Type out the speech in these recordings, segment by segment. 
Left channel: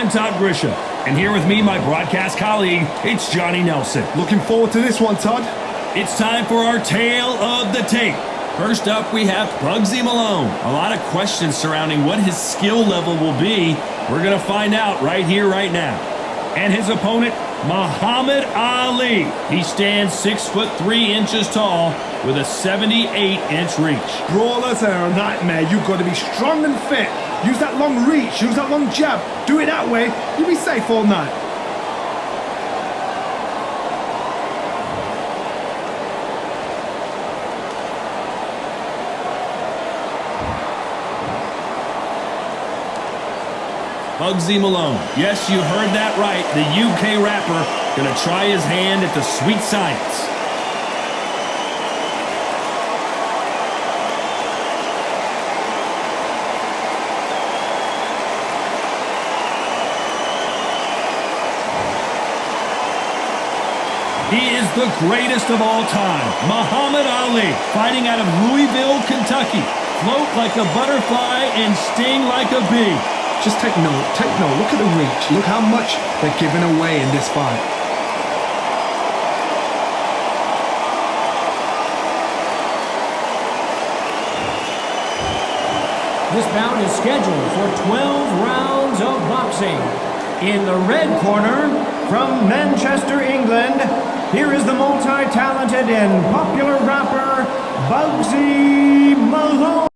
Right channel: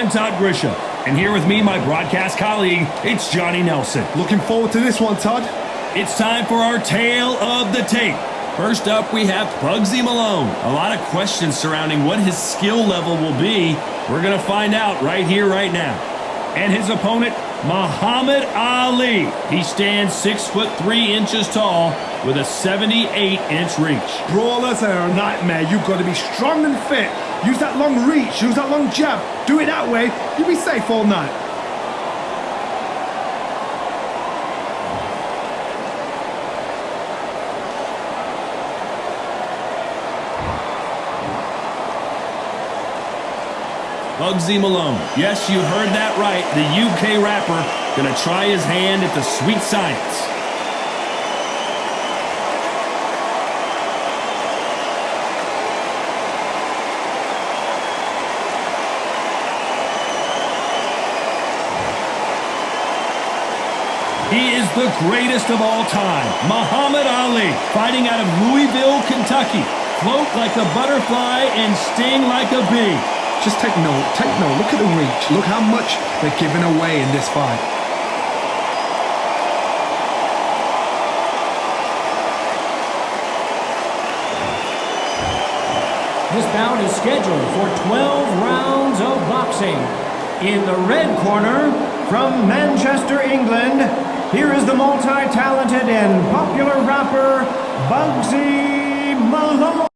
I'm Todd Grisham, and here with me, my broadcast colleague, it's Johnny Nelson. Looking forward to this one, Todd. It's time for our Tale of the Tape. First up, we have Bugzy Malone. A lot of questions surrounding what his skill level will be. We're going to find out right here, right now. And his opponent, Muhammad Ali. He stands 6'3" tall with a 78-inch reach. Brawlers are a nightmare. You've got to be strong and fit. Use that long reach. Use that long jab. Do it that way. You'll be safe all night. Bugzy Malone. Yes, you heard that right. The UK rapper gonna try his hand at the sweet science. He is the greatest of all time, Muhammad Ali, fighting out of Louisville, Kentucky. Float like a butterfly and sting like a bee. Just take note. Look at the reach. Look how much they're giving away in this fight. This bout is scheduled for 12 rounds of boxing. In the red corner, from Manchester, England, here is the multi-talented and popular rapper, Bugzy Malone.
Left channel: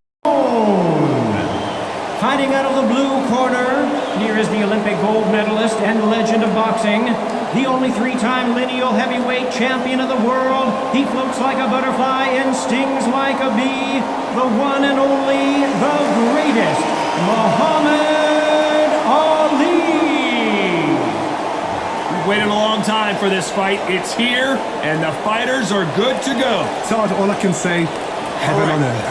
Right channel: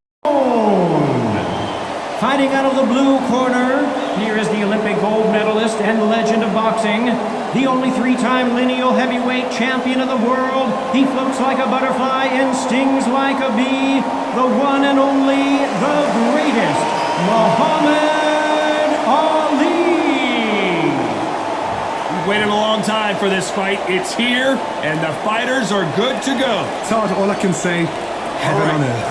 Fighting out of the blue corner, here is the Olympic gold medalist and legend of boxing, the only three-time lineal heavyweight champion of the world. He floats like a butterfly and stings like a bee, the one and only, the greatest, Muhammad Ali. We've waited a long time for this fight. It's here, and the fighters are good to go. Todd, all I can say, heaven on earth.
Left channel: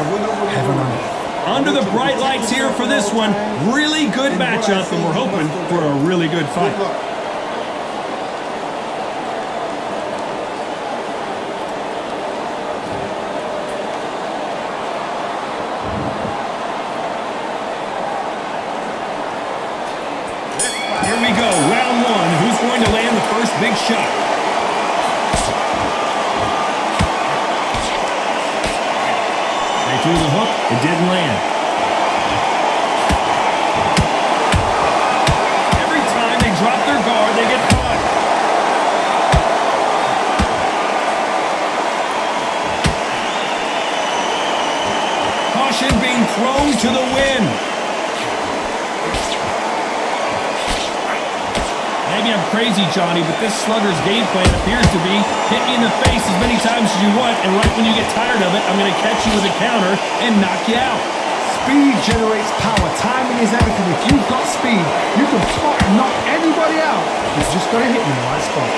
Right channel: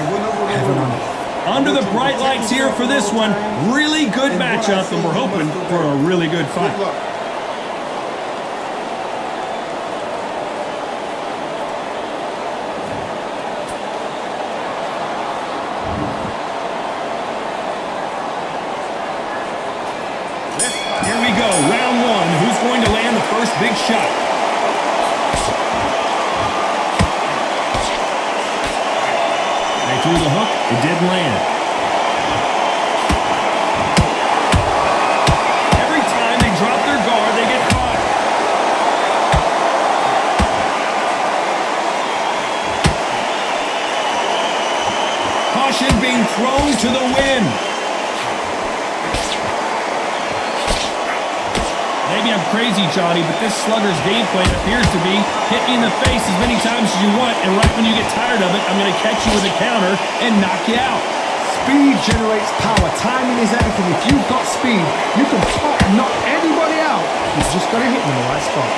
Heaven on earth. Under the bright lights here for this one, really good matchup, and we're hoping for a really good fight. Here we go, round one. Who's going to land the first big shot? They threw the hook, it didn't land. Every time they drop their guard, they get caught. Caution being thrown to the wind. Maybe I'm crazy, Johnny, but this slugger's game plan appears to be hit me in the face as many times as you want, and right when you get tired of it, I'm going to catch you with a counter and knock you out. Speed generates power. Timing is everything. If you've got speed, you can knock anybody out. You've just got to hit them in the right spot.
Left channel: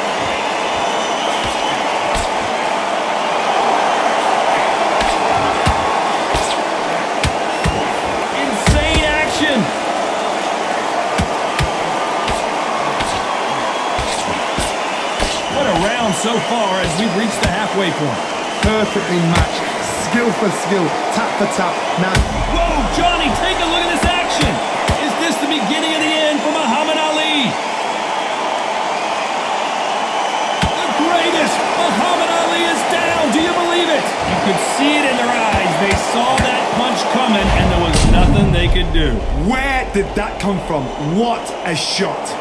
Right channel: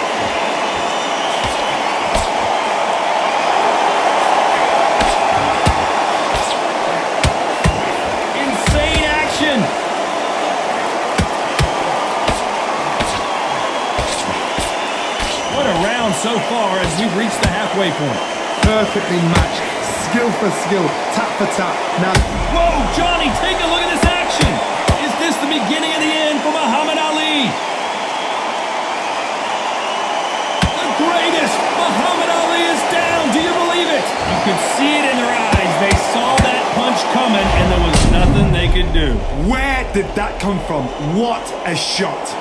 Insane action. What a round so far as we've reached the halfway point. Perfectly matched. Skill for skill. Tap for tap. Now. Whoa, Johnny, take a look at this action. Is this the beginning of the end for Muhammad Ali? The greatest. Muhammad Ali is down. Do you believe it? You could see it in their eyes. They saw that punch coming, and there was nothing they could do. Where did that come from? What a shot.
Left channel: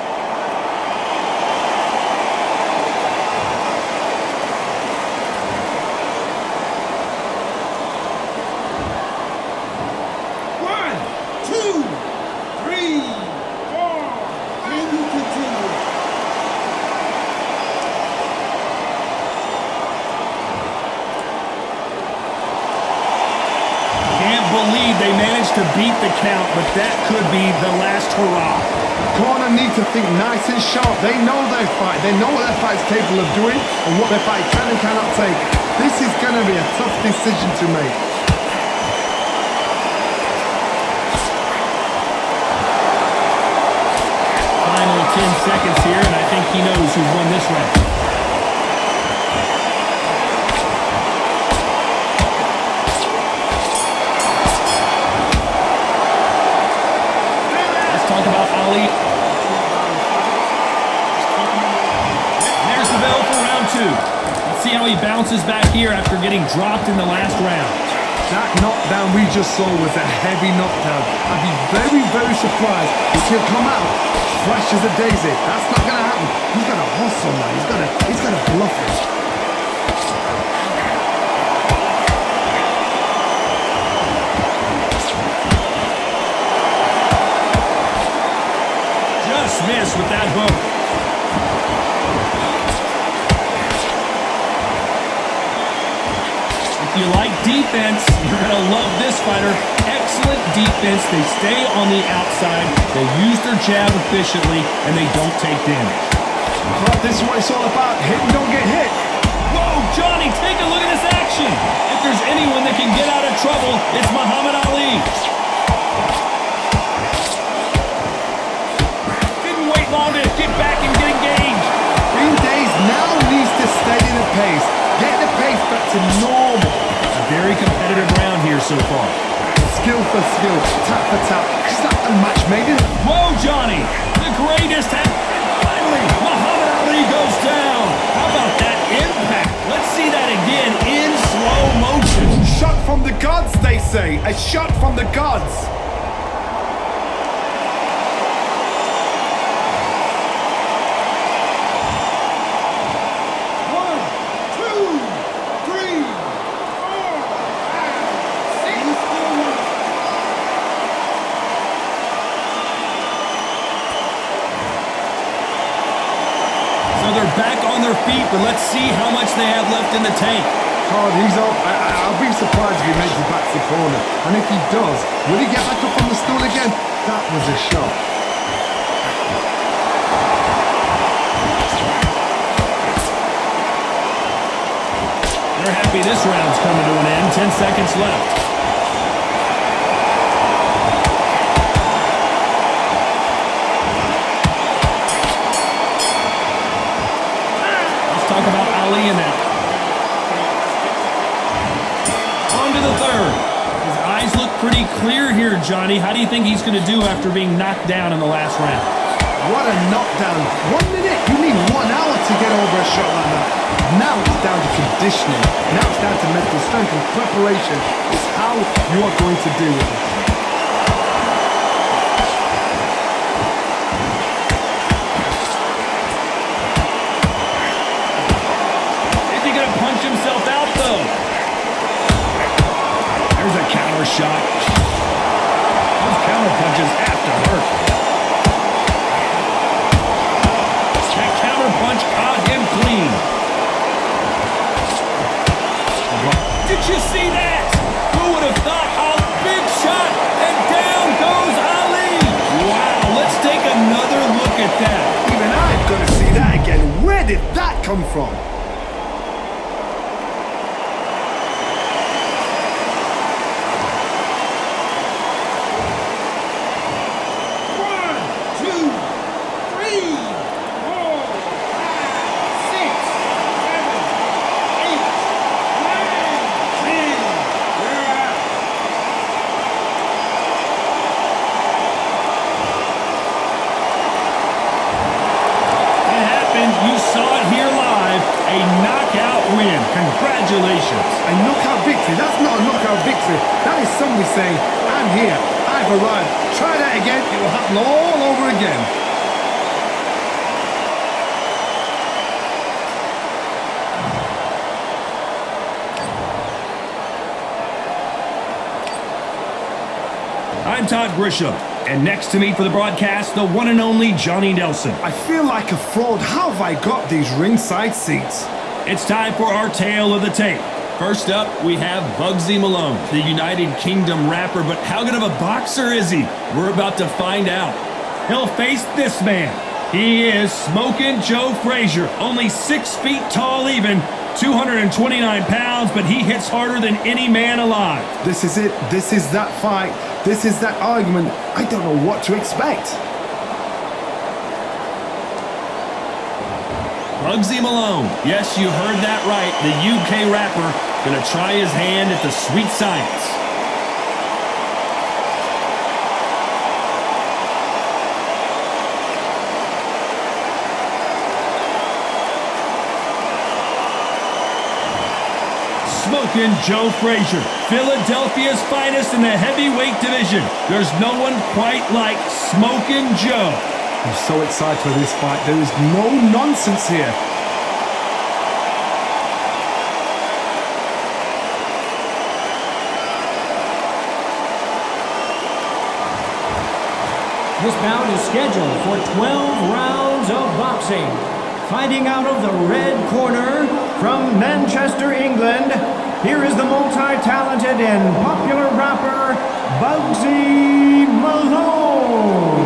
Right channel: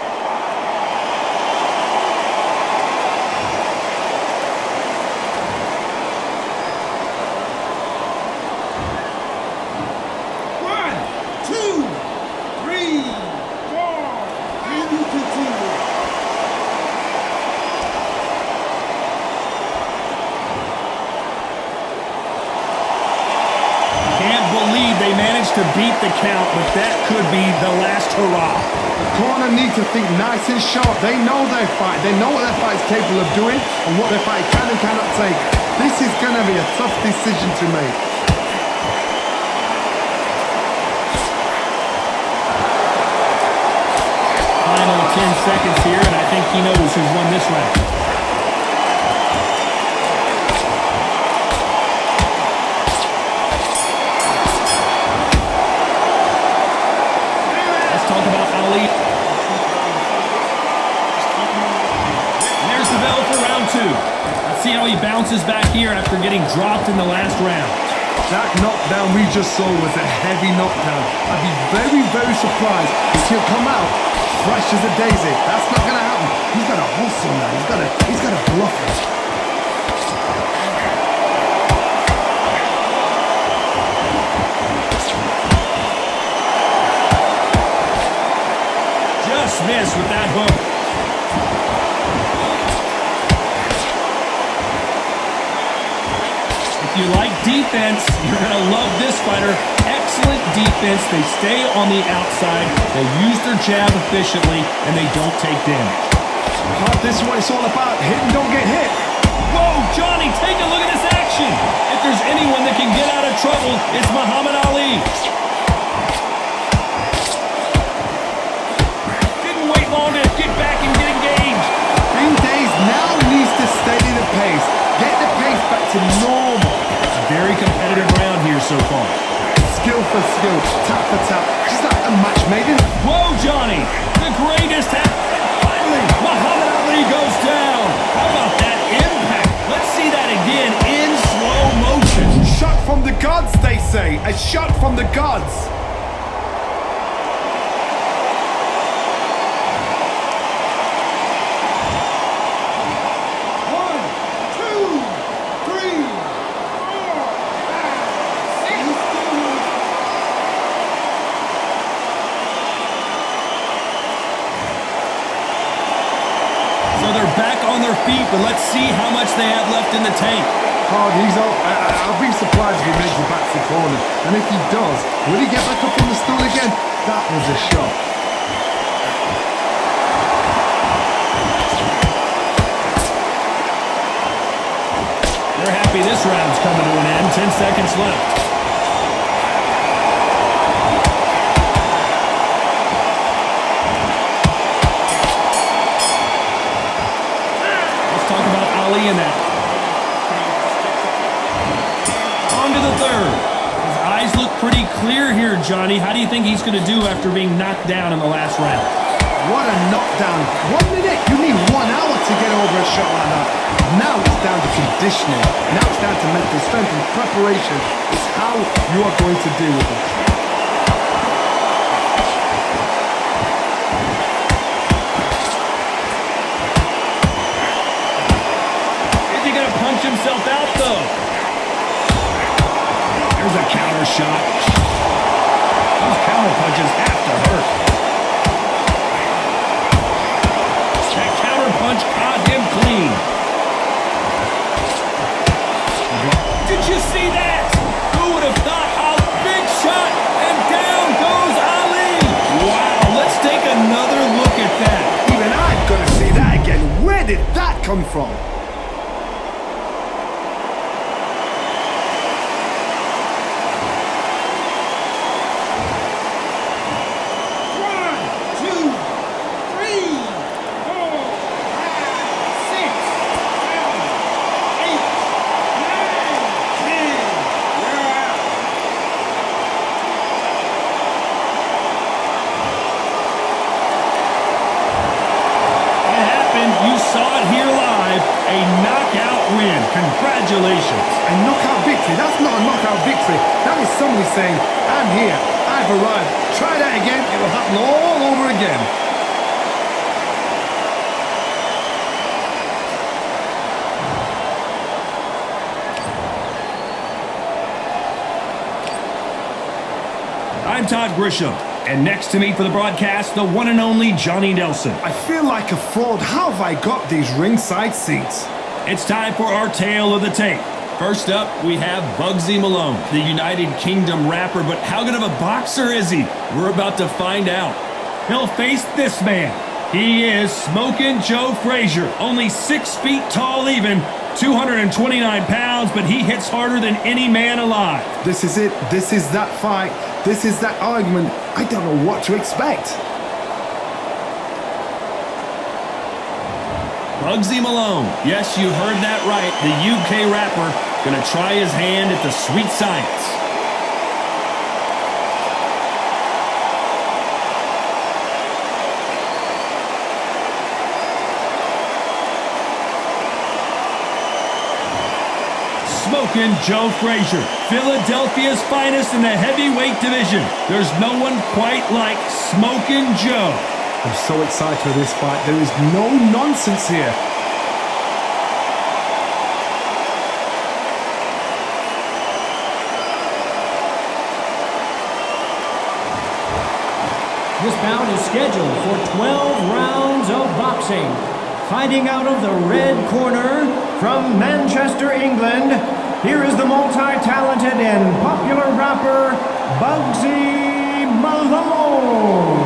Can't believe they managed to beat the count, but that could be the last hurrah. The corner need to think nice and sharp. They know their fight. They know what their fight is capable of doing and what their fight can and cannot take. This is going to be a tough decision to make. Final 10 seconds here, and I think he knows who's won this round. Talk about Ali. bell for round 2. Let's see how he bounces back here after getting dropped in the last round. That knockdown we just saw was a heavy knockdown. I'd be very, very surprised if he'll come out fresh as a daisy. That's not going to happen. He's got to hustle now. He's got to bluff it. Just missed with that hook. If you like defense, you're going to love this fighter. Excellent defense. They stay on the outside. They use their jab efficiently, and they don't take damage. This is what it's all about. Hit and don't get hit. Whoa, Johnny, take a look at this action. If there's anyone that can get out of trouble, it's Muhammad Ali. Didn't wait long to get back and get engaged. Green Days now needs to steady the pace. Get the pace back to normal. A very competitive round here so far. Skill for skill, tap for tap. She's like a match made in it. Whoa, Johnny, the greatest. And finally, Muhammad Ali goes down. How about that impact? Let's see that again in slow motion. Shot from the gods, they say. A shot from the gods. So they're back on their feet, but let's see how much they have left in the tank. Hard, he's up. I'll be surprised if he makes it back to the corner. And if he does, will he get back up on the stool again? That was a shot. They're happy this round's coming to an end. 10 seconds left. Talk about Ali in that. On to the third. His eyes look pretty clear here, Johnny. How do you think he's going to do after being knocked down in the last round? What a knockdown. 1 minute. You need 1 hour to get over a shot like that. Now it's down to conditioning. Now it's down to mental strength and preparation. It's how you are going to deal with it. He's going to punch himself out, though. There's a counter shot. Those counter punches have to hurt. That counter punch caught him clean. Did you see that? Who would have thought? A big shot, and down goes Ali. Wow, let's take another look at that. Even I've got to see that again. Where did that come from? You saw it here live, a knockout win. Congratulations. A knockout victory? That's not a knockout victory. That is somebody saying, I'm here, I've arrived. Try that again, it will happen all over again. I'm Todd Grisham. And next to me for the broadcast, the one and only Johnny Nelson. I feel like a fraud. How have I got these ringside seats? It's time for our tale of the tape. First up, we have Bugzy Malone, the United Kingdom rapper. But how good of a boxer is he? We're about to find out. He'll face this man. He is Smokin' Joe Frazier, only 6 feet tall even, 229 pounds, but he hits harder than any man alive. This is it. This is that fight. This is that argument. I don't know what to expect. Bugzy Malone. Yes, you heard that right. The UK rapper gonna try his hand at the sweet science. smoking Joe Frazier, Philadelphia's finest in the heavyweight division. There's no one quite like Smoking Joe. I'm so excited for this fight. There is no nonsense here. This bout is scheduled for 12 rounds of boxing. Fighting out of the red corner from Manchester, England, here is the multi-talented and popular rapper Bugzy Malone.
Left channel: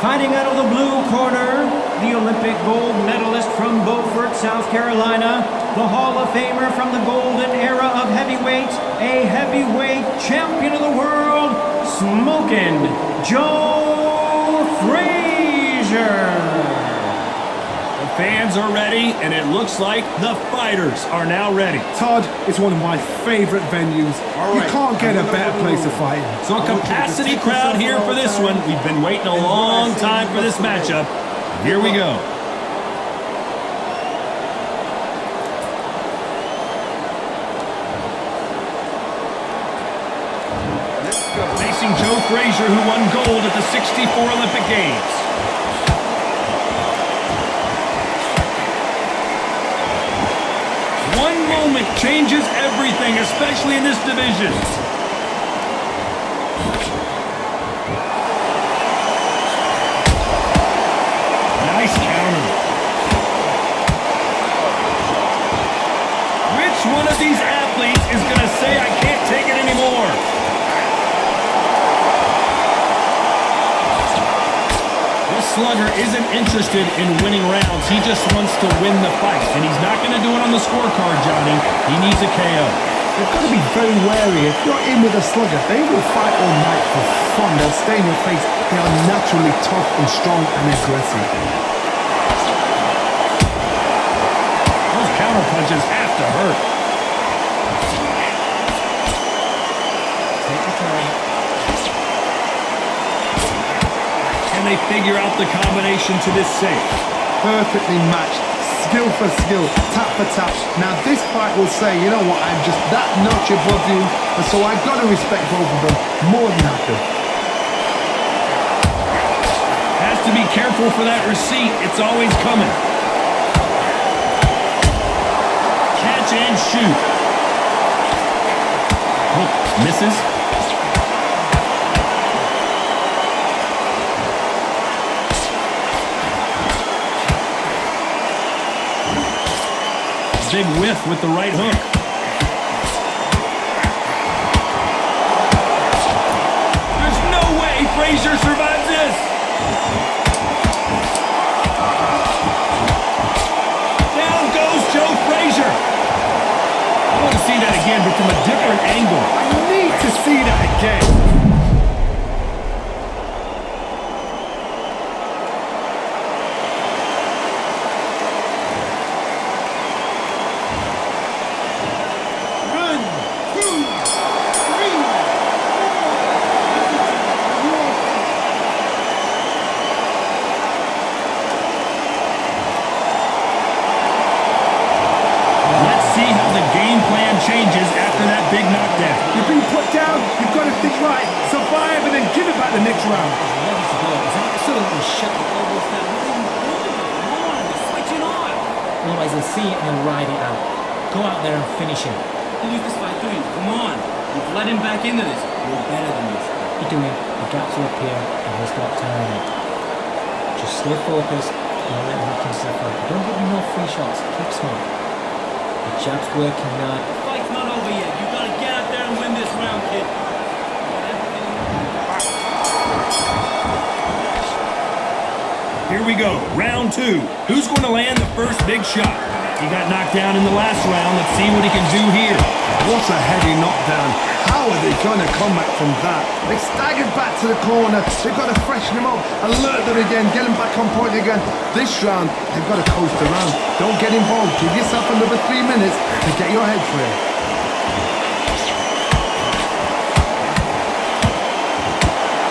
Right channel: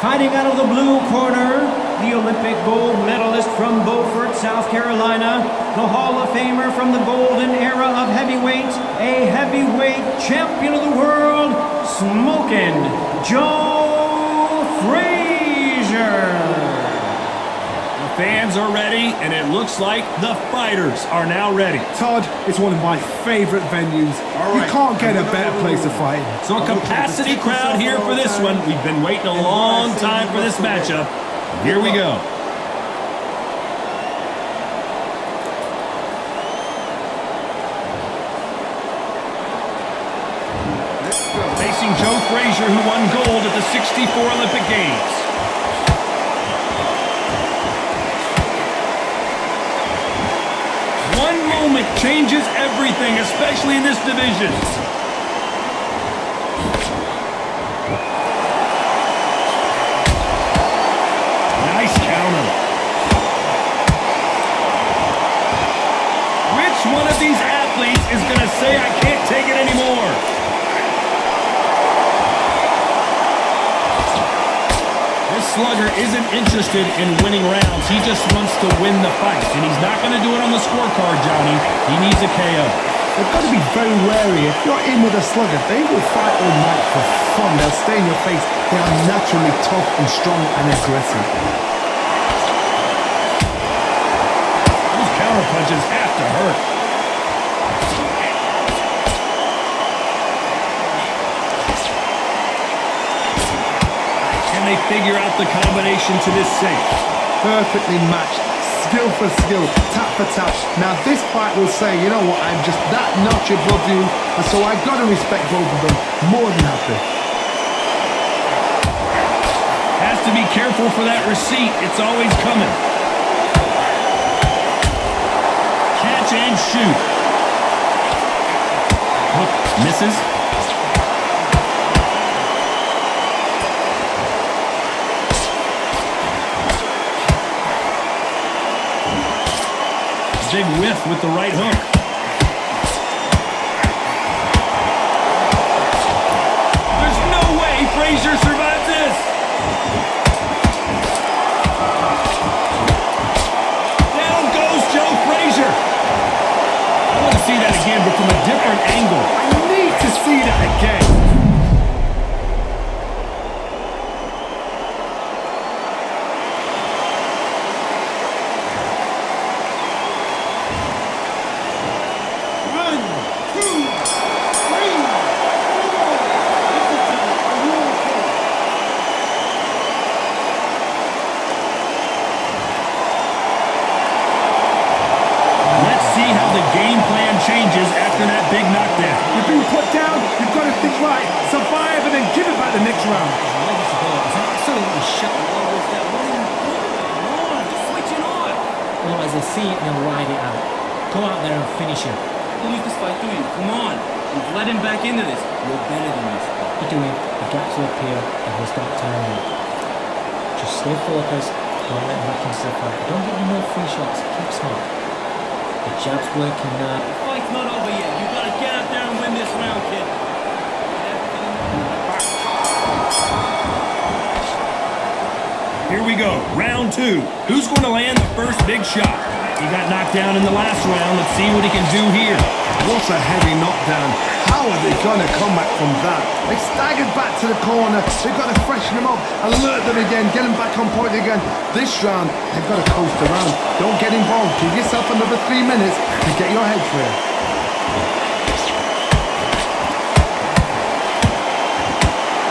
Fighting out of the blue corner, the Olympic gold medalist from Beaufort, South Carolina, the Hall of Famer from the golden era of heavyweight, a heavyweight champion of the world, Smoking Joe Frazier. The fans are ready, and it looks like the fighters are now ready. Todd, it's one of my favorite venues. You can't get a better place to fight. So a capacity crowd here for this one. We've been waiting a long time for this matchup. Here we go. Facing Joe Frazier, who won gold at the '64 Olympic Games. One moment changes everything, especially in this division. Nice counter. Which one of these athletes is going to say, I can't take it anymore? This slugger isn't interested in winning rounds. He just wants to win the fight. And he's not going to do it on the scorecard, Johnny. He needs a KO. They've got to be very wary. If you're in with a slugger, they will fight all night for fun. They'll stay in your face. They are naturally tough and strong and aggressive. Those counter punches have to hurt. Can they figure out the combination to this safe? Perfectly matched. Skill for skill, tap for tap. Now this fight will say, you know what, I'm just that notch above you, and so I've got to respect both of them more than happy. Has to be careful for that receipt. It's always coming. Catch and shoot. Hook misses. Big whiff with the right hook. There's no way Frazier survives this. Down goes Joe Frazier. I want to see that again, but from a different angle. I need to see that again. Let's see how the game plan changes after that big knockdown. You've been put down, you've got to think right, survive and then give it back the next round. Ready to go. It's absolutely shut the world with that. What are you doing? Come on, you're switching on. Otherwise they'll see it and they'll ride it out. Go out there and finish him. He'll lose this fight to you. Come on. You've led him back into this. You're better than this. You're doing, the gaps will appear and he'll start tiring it. Just stay focused, don't let him back into the fight. Don't give him no free shots, keep smart. The jab's working now. The fight's not over yet. You gotta get out there and win this round, kid. You got everything. Here we go, round two. Who's going to land the first big shot? He got knocked down in the last round. Let's see what he can do here. What a heavy knockdown. How are they going to come back from that? They staggered back to the corner. They've got to freshen them up, alert them again, get them back on point again. This round, they've got to coast around. Don't get involved. Give yourself another 3 minutes to get your head clear.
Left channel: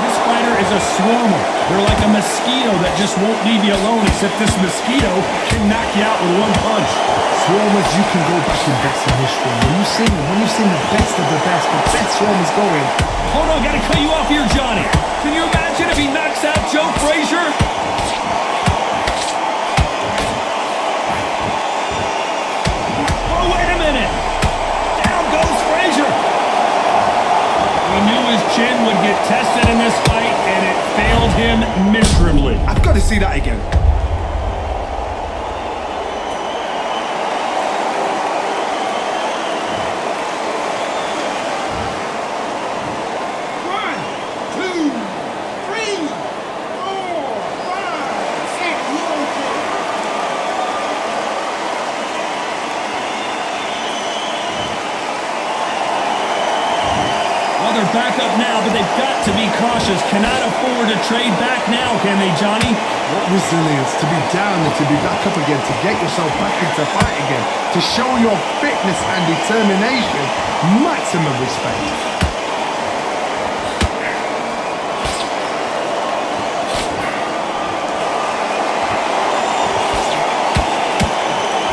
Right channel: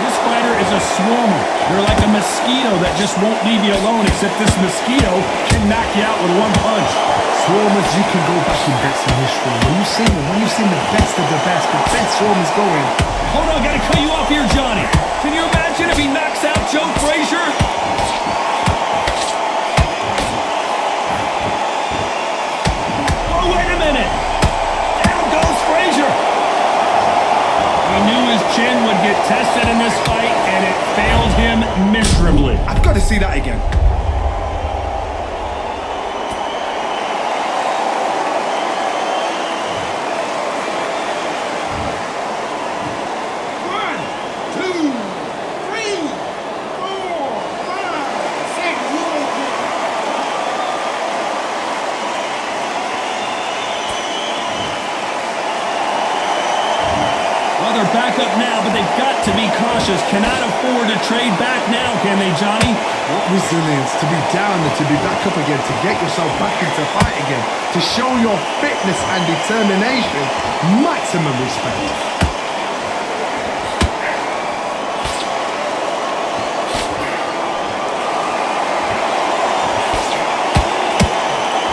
This fighter is a swarmer. They're like a mosquito that just won't leave you alone, except this mosquito can knock you out with one punch. swarmers you can go back in boxing history. When you've seen the best of the best swarmers going. Hold on, gotta cut you off here, Johnny. Can you imagine if he knocks out Joe Frazier? Oh, wait a minute. Down goes Frazier. We knew his chin would get tested in this fight, and it failed him miserably. I've got to see that again. Well, they're back up now, but they've got to be cautious. Cannot afford to trade back now, can they, Johnny? What resilience to be down and to be back up again, to get yourself back into fight again, to show your fitness and determination. Maximum respect.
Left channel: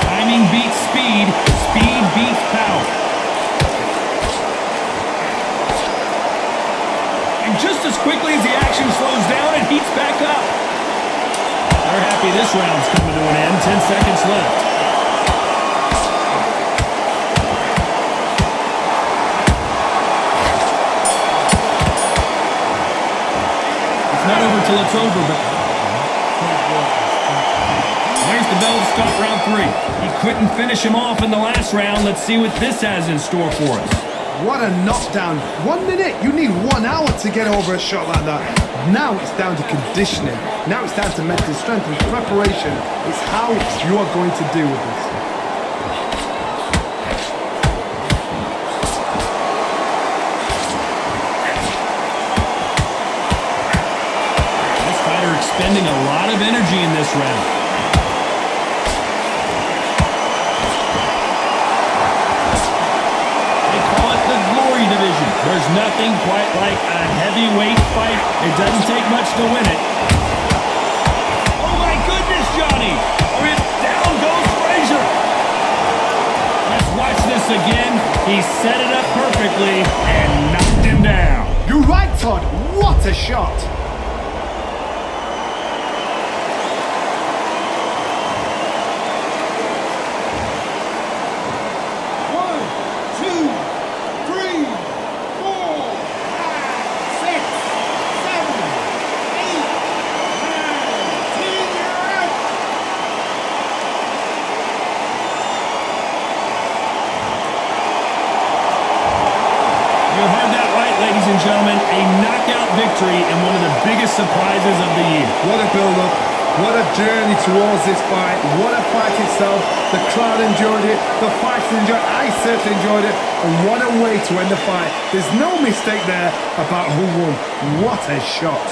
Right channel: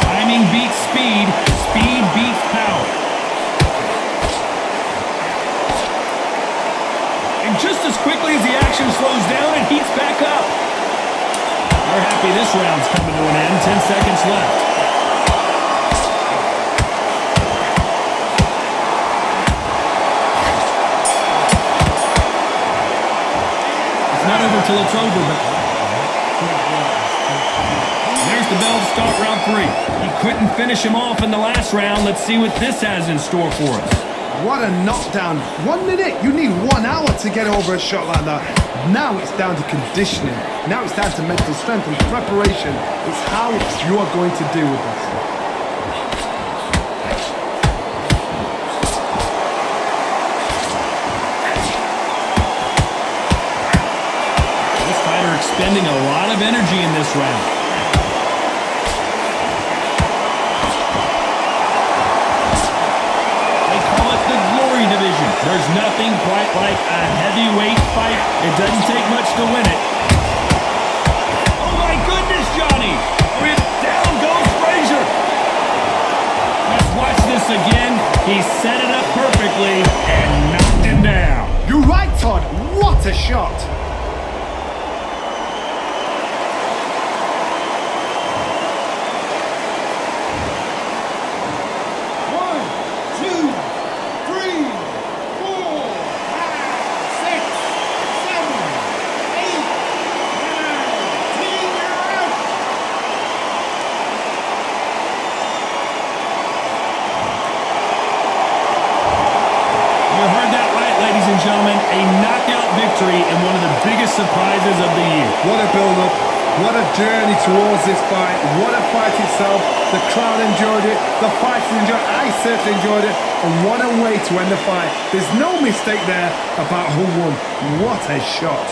Timing beats speed. Speed beats power. And just as quickly as the action slows down, it heats back up. They're happy this round's coming to an end. 10 seconds left. It's not over till it's over, but there's the bell to start round 3. He couldn't finish him off in the last round. Let's see what this has in store for us. What a knockdown. 1 minute. You need 1 hour to get over a shot like that. Now it's down to conditioning. Now it's down to mental strength and preparation. It's how you are going to deal with this. This fighter expending a lot of energy in this round. Call it the glory division. There's nothing quite like a heavyweight fight. It doesn't take much to win it. Oh my goodness, Johnny! Or if down goes Frazier. Let's watch this again. He set it up perfectly and knocked him down. You're right, Todd. What a shot. You heard that right, ladies and gentlemen. A knockout victory and one of the biggest surprises of the year. What a build-up. What a journey towards this fight. What a fight itself. The crowd enjoyed it. The fighters enjoyed it. I certainly enjoyed it. And what a way to end the fight. There's no mistake there about who won. What a shot.